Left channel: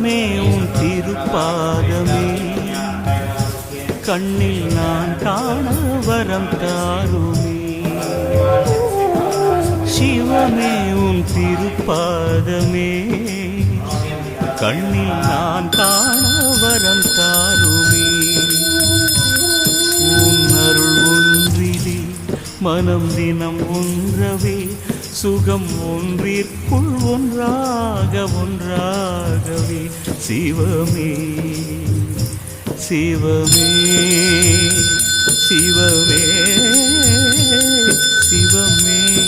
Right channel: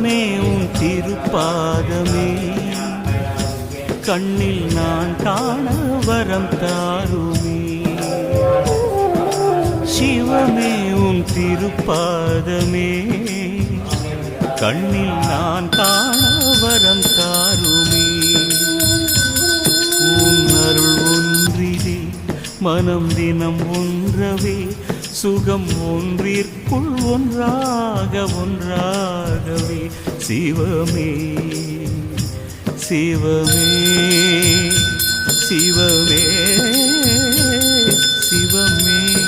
சிவமே உன் திருப்பாதமே. கண்ணில் நான் காண வரம் தாருமே. சிவமே உன் திருப்பாதமே. கண்ணில் நான் காண வரம் தாருமே. உன் அருள் ஒன்றிலே மனம் தினம் ஒன்றவே சுகம் ஒன்றிற்குள் ஒன்றாக ஒன்றாகவே. சிவமே சிவமே சிவமே சிவமே.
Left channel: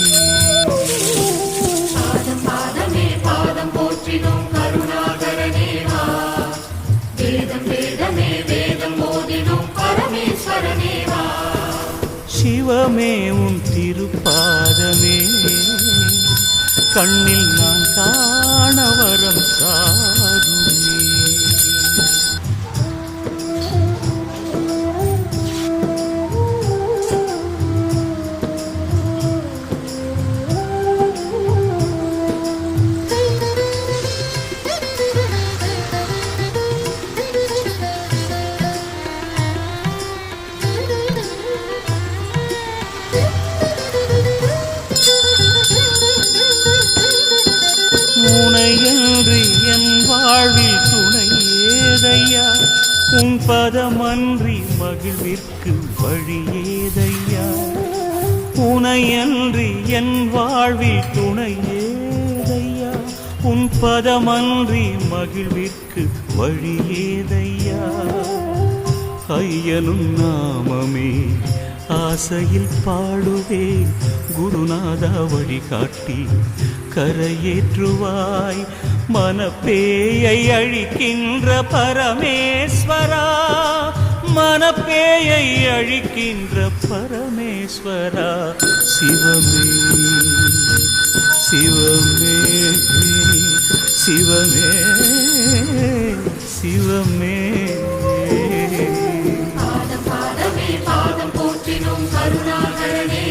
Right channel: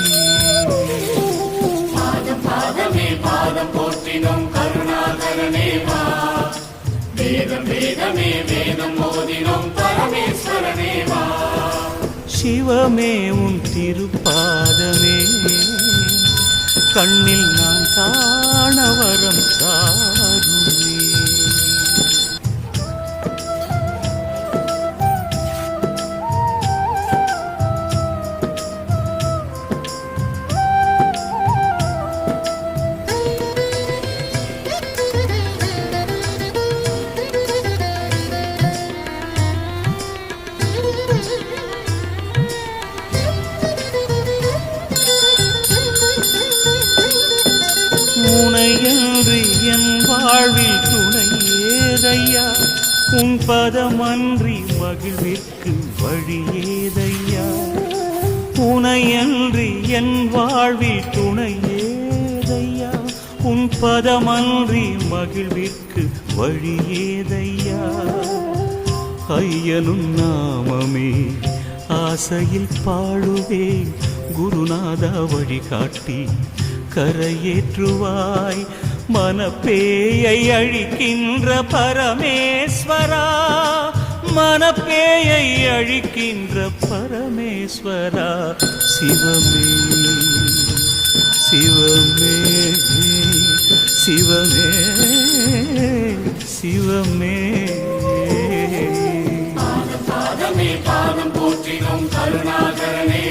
சிவமே உன் திருப்பாதமே. கண்ணில் நான் காண வரம் தாருமே. உனையன்று என் வாழ்வில் துணை ஏதையா உன் பதமன்றி மகிழ்விற்கு வழி ஏதையா உனையன்றி என் வாழ்வில் துணை ஏதையா உன் பதமன்றி மகிழ்விற்கு வழி ஏதையா ஐயனும் நாமமே ஆசையில் பாடுவேன் குருநாதா வழிகாட்டி கரையேற்றுவாய். மனப்பேயை அழிக்கின்ற பரமேஸ்வரா. மனப்பேயை அழிக்கின்ற பரமேஸ்வரா. சிவமே சிவமே சிவமே சிவமே. பாதம் பாதமே பாதம் போற்றினோம் கருணாகரனே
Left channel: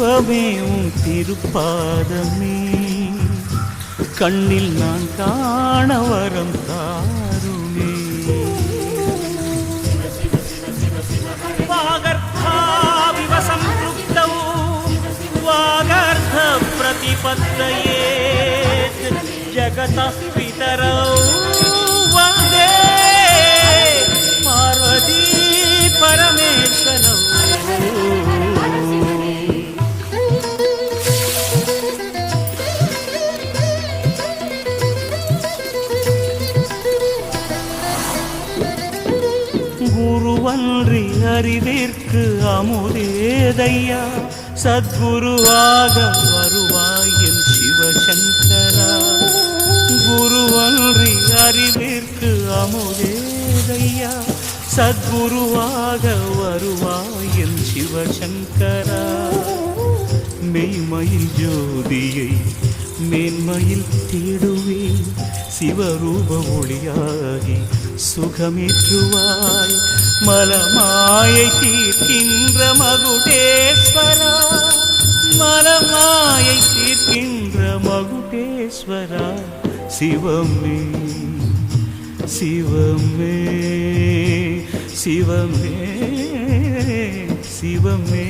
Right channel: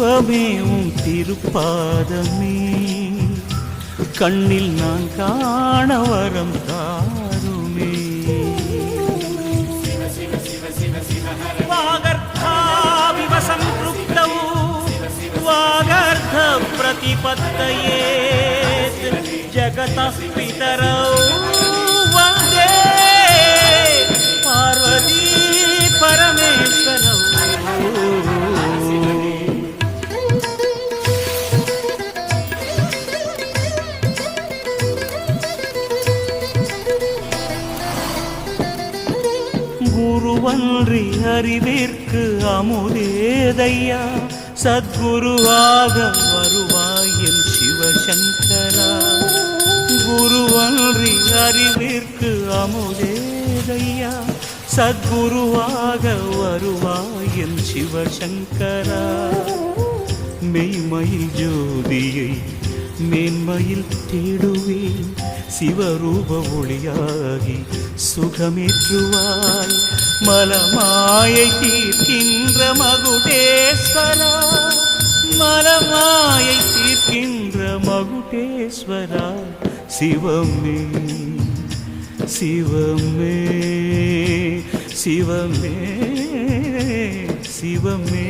தெய்வமே உன் திருப்பாதமே கண்ணில் நான் காண வரம் தாருமே సంపృక్తౌ వాగర్ధ ప్రతిపత్తయేత్ జగతః పితరౌ వందే. పార్వతీ పరమేశ్వరౌ. அன்றி அறிவிற்கு அமுதேதையா. சத்குருவாக வருவாய் என் சிவசங்கரா. குருவன்றி அறிவிற்கு அமுதேதையா. சத்குருவாக வருவாய் என் சிவசங்கரா. மெய்மையில் ஜோதியை மேன்மையில் தேடுவேன். சிவரூப ஒளியாகி சுகமேற்றுவாய். மலமாயை தீர்க்கின்ற மகுடேஸ்வரா மலமாயை தீர்க்கின்ற மகுடேஸ்வரா சிவமே சிவமே சிவமே சிவமே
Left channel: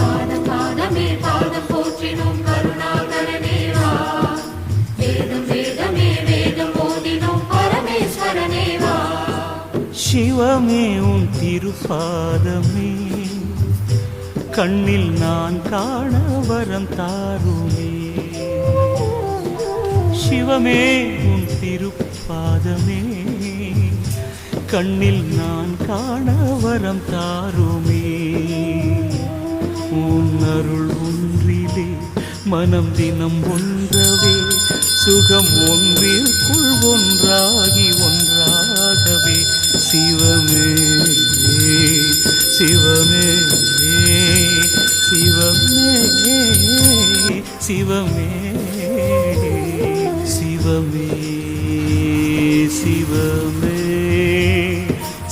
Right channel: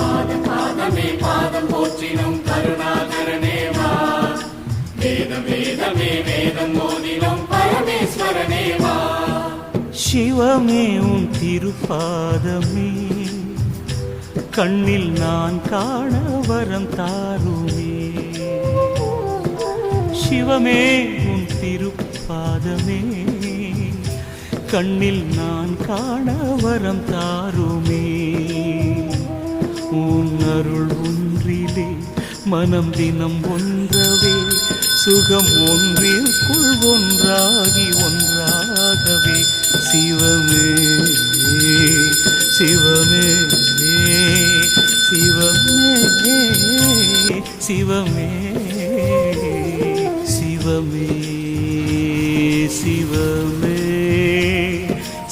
பாதம் பாதமே பாதம் போற்றினோம் கருணாகரனே சிவமே உன் திருப்பாதமே. கண்ணில் நான் காண வரம் தாருமே. சிவமே உன் திருப்பாதமே. கண்ணில் நான் காண வரம் தாருமே. உன் அருள் ஒன்றிலே மனம் தினம் ஒன்றவே. சுகம் ஒன்றிற்குள் ஒன்றாகி ஒன்றாகவே சிவமே சிவமே சிவமே சிவமே சிவமே சிவமே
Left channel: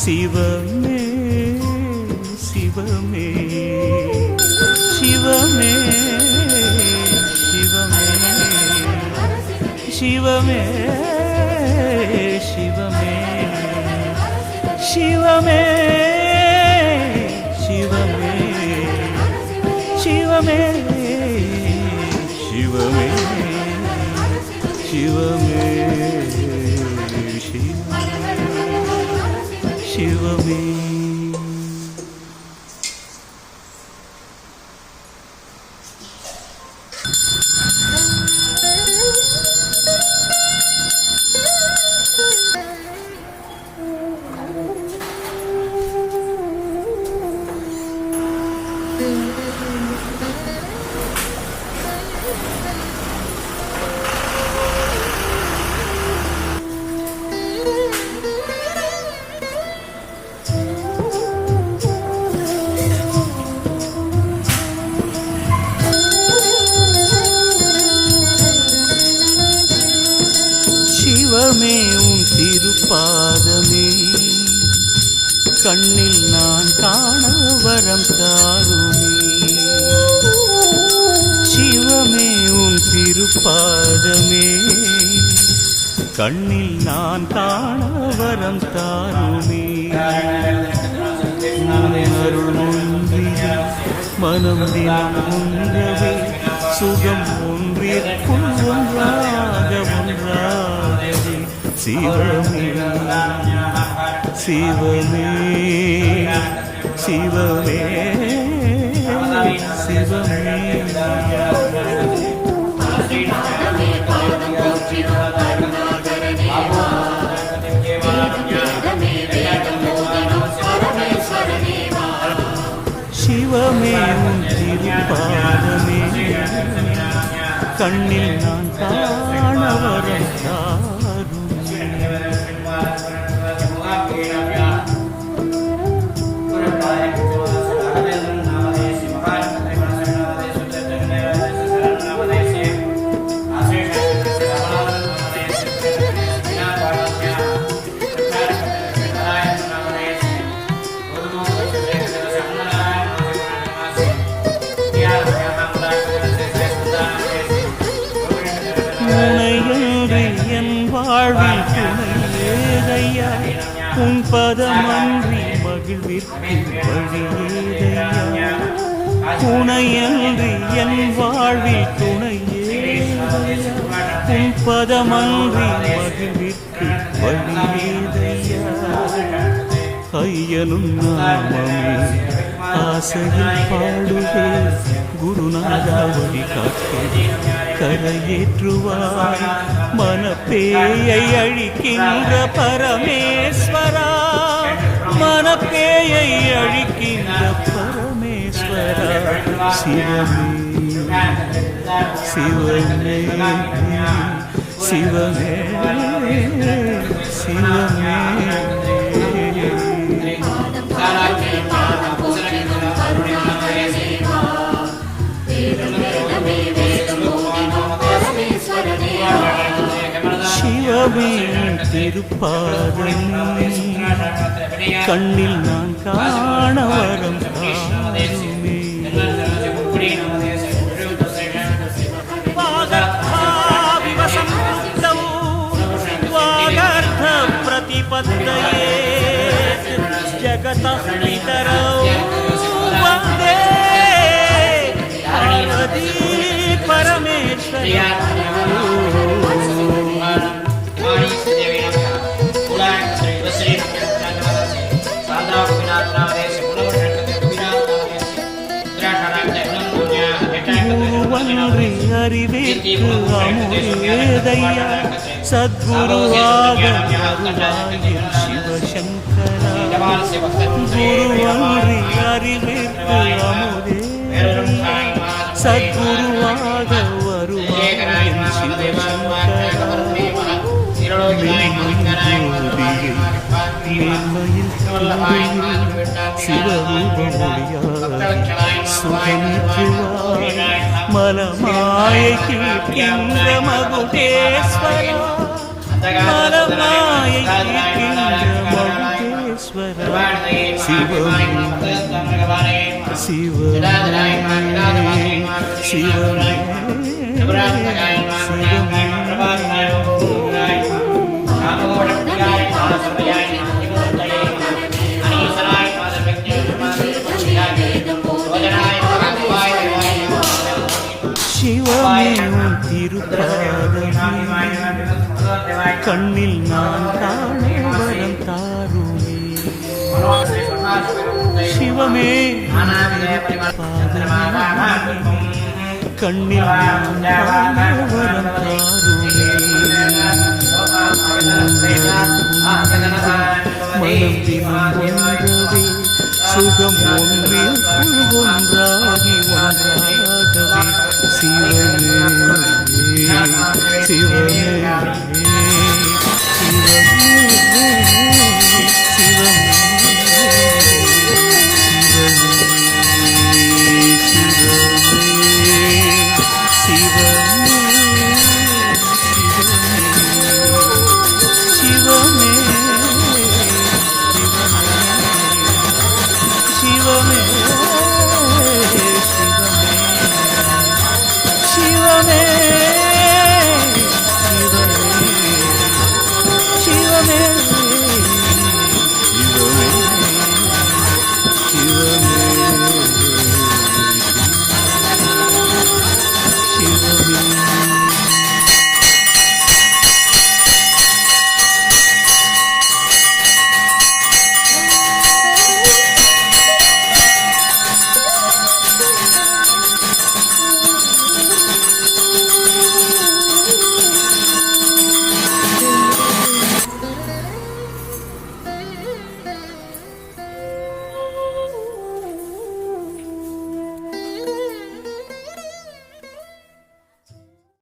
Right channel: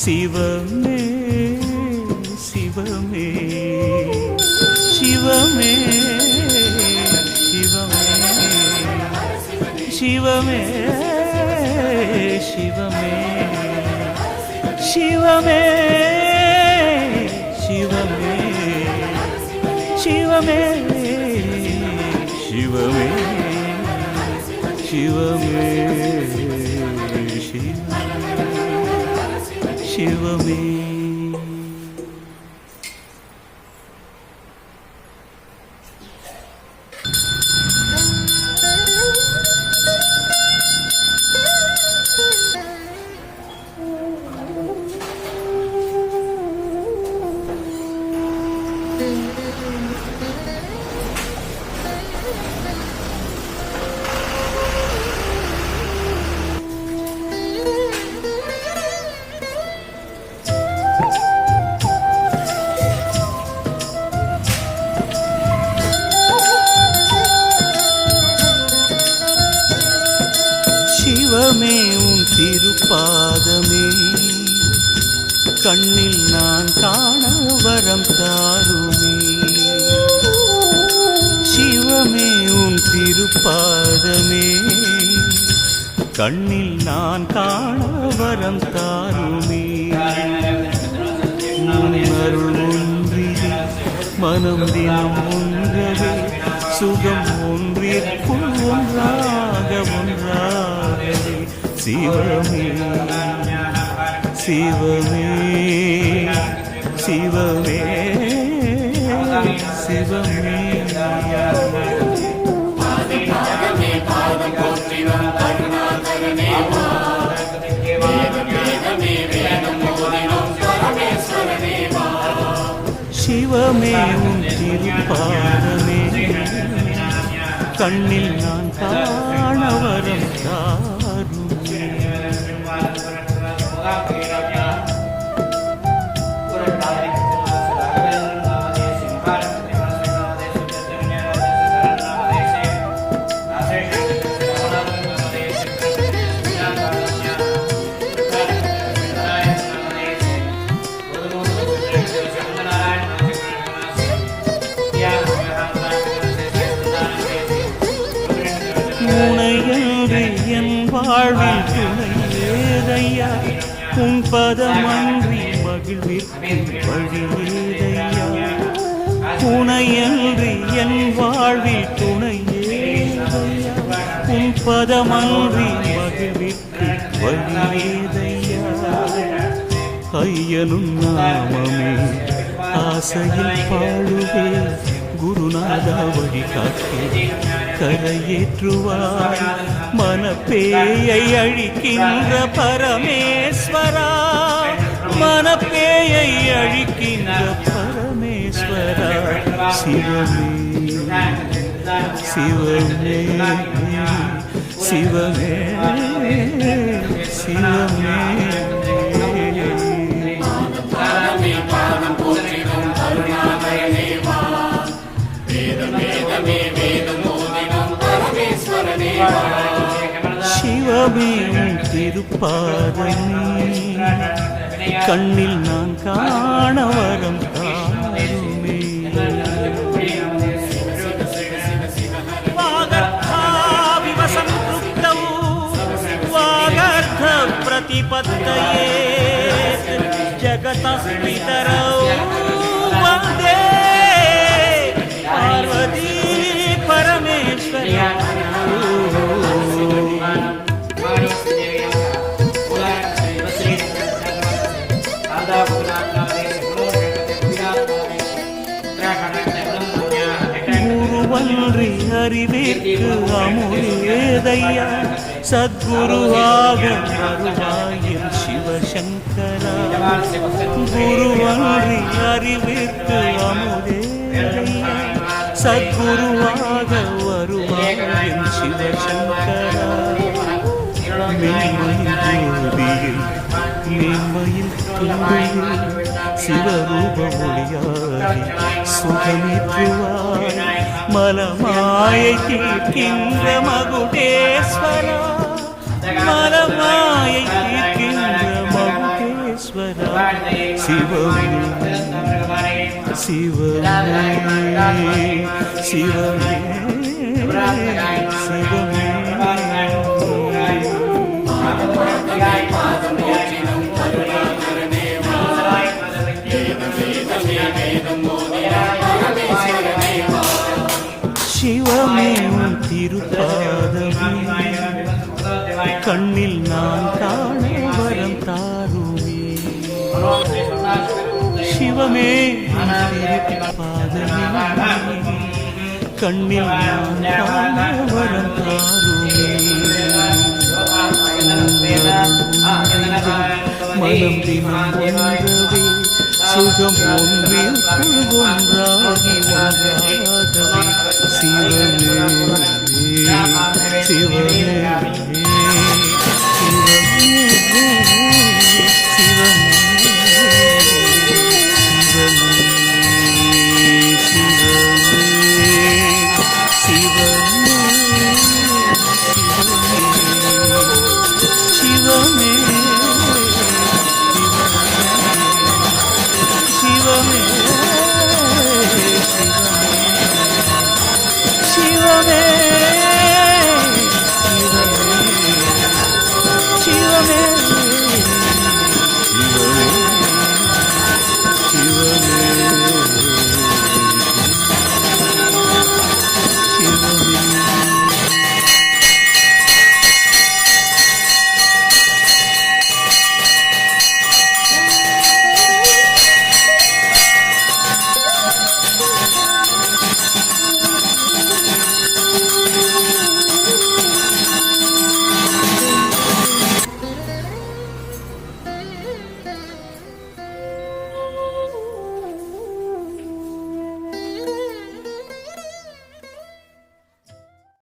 சிவமே சிவமே சிவமே. சிவமே சிவமே சிவமே சிவமே சிவமே சிவமே சிவமே சிவமே சிவமே பாதமே. கண்ணில் நான் காண வரம் தாருமே. சிவமே உன் திருப்பாதமே. கண்ணில் நான் காண வரம் தாருமே. உன் அருள் ஒன்றிலே மனம் தினம் ஒன்றவே சுகம் ஒன்றிற்குள் ஒன்றாக ஒன்றாக. சிவமே சிவமே சிவமே சிவமே. சிவமே உன் திருப்பாதமே. கண்ணில் நான் காண வரம் தாருமே வாழ்வில் துணை ஏதையா? உன் பதமன்றி மகிழ்விற்கு வழி ஏதையா? துணையன்றி என் வாழ்வில் துணை ஏதையா? உன் பதமன்றி மகிழ்விற்கு வழி ஏதையா? ஐயனும் நாமமே ஆசையில் பாடுவே குருநாதா வழி காட்டே கரையேற்றுவாய். மனப்பேயை அழிக்கின்ற பரமேஸ்வரா. மனப்பேயை அழிக்கின்ற பரமேஸ்வரா. சிவமே சிவமே சிவமே சிவமே. சிவமே உன் திருப்பாதமே கண்ணில் நான் காண வரம் தாருமே वागर्थाविव सम्पृक्तौ वागर्थ प्रतिपत्तये जगतः पितरौ वन्दे पार्वती परमेश्वर நன்றி அறிவிற்கு அமுதேதையா சத்குருவாக வருவாயில் சிவசங்கரா. குருவன்றி அறிவிற்கு அமுதேதையா சத்குருவாக வருவாயில் சிவசங்கரா. மெய்மயில் மேன்மையில் தந்தையில் சிவரூபமொழியாகி சுகமிற்றுவாய் மலமாயை கேட்கின்ற மகுடேஸ்வரா மலமாயை கேட்கின்ற மகுடேஸ்வரா சிவம் சிவமே சிவமே சிவமே. சிவமே உன் திருப்பாதமே. கண்ணில் நான் காண வரம் தாருமே. சிவமே பாதமே கண்ணில் நான் காண வரம் தாருமே. மனம் தினம் ஒன்றவே சுகம் ஒன்றில் குழு ஒன்றாகி ஒன்றாகவே சிவமே சிவமே சிவமே ಶಿವಮೇ